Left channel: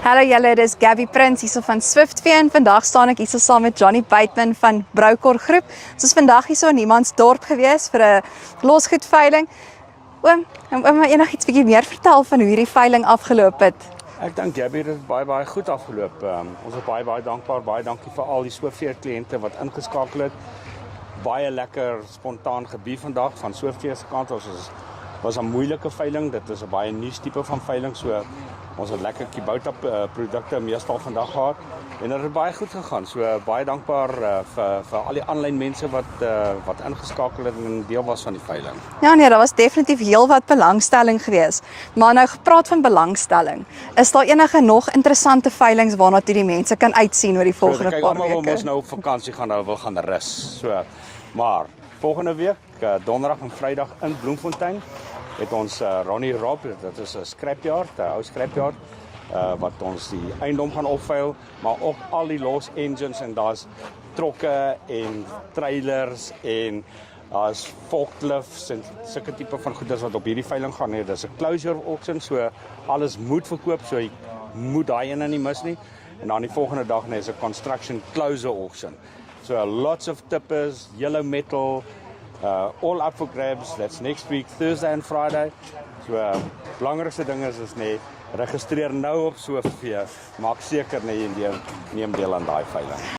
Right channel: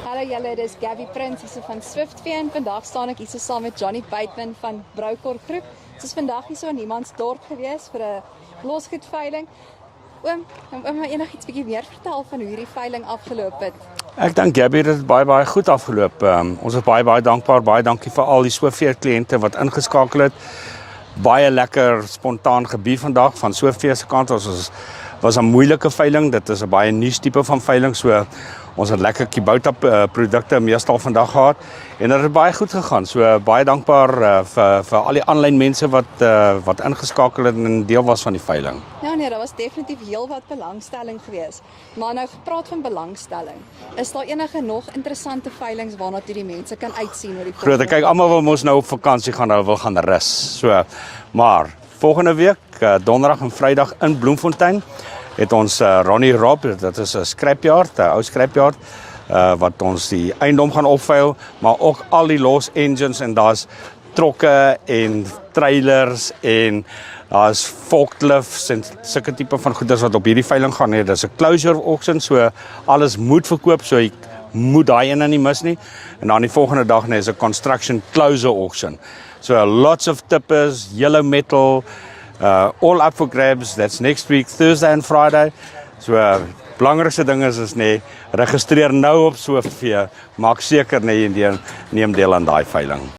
Hallo julle, dis Gabby Prins hierso van Swiftvee en vandag staan ek hierso saam met Johnny Bateman van Broukor Groep. Ons is vandag hierso in Niemandsdorp gewees vir 'n losgoedveiling. Oom, maar enigiets bietjie meer vertel van hoe hierdie veiling afgeloop het. Ek dink Gabby, dit het baie goed afgeloop. Ons is baie dankbaar. Baie dankie vir al die Swiftvee kliënte wat ingeskakel het. Baie lekker spontaan gebied vandag van Swiftvee se kant. Ons was 'n moeilike veiling. Dit is 'n baie nuus tipe van veiling, so ons het lekker Kubota produkte meestal vandag gehad en dit het baie goed gegaan. So baie dankbaar vir al die aanlyn mense wat ingeskakel het en deel was van die veiling. Ja nee, daar was definitief heelwat belangstelling geweest. Maar nou gepraat van belangstelling, is daar enige nog interessante veilings waarna toe die mense kan uitsien oor die volgende? Kyk, almal wil mos nou op vakansie gaan, nou wil gaan rus. So, maar volgende week, donderdag en Vrydag in Bloemfontein, het ons Ronnie Rob, dit is 'n scrapyard, 'n ou scrapyard, wat ons die eiendom gaan opveil, maar ook al die los engines en daar's trokke en trailers en daar's forklifts en sulke tipe van goederes wat op hierdie veiling gaan hê. Dis 'n closure auction, so alles moet verkoop, so jy moet daai een nie mis nie. En dan die volgende dag is 'n construction closure auction. So lots of tippers, yellow metal, all up for grabs. That's next week, Thursday and Friday. So belangrikste ding is registreer nou op Swiftvee. Maak seker jy neem deel aan daai veiling.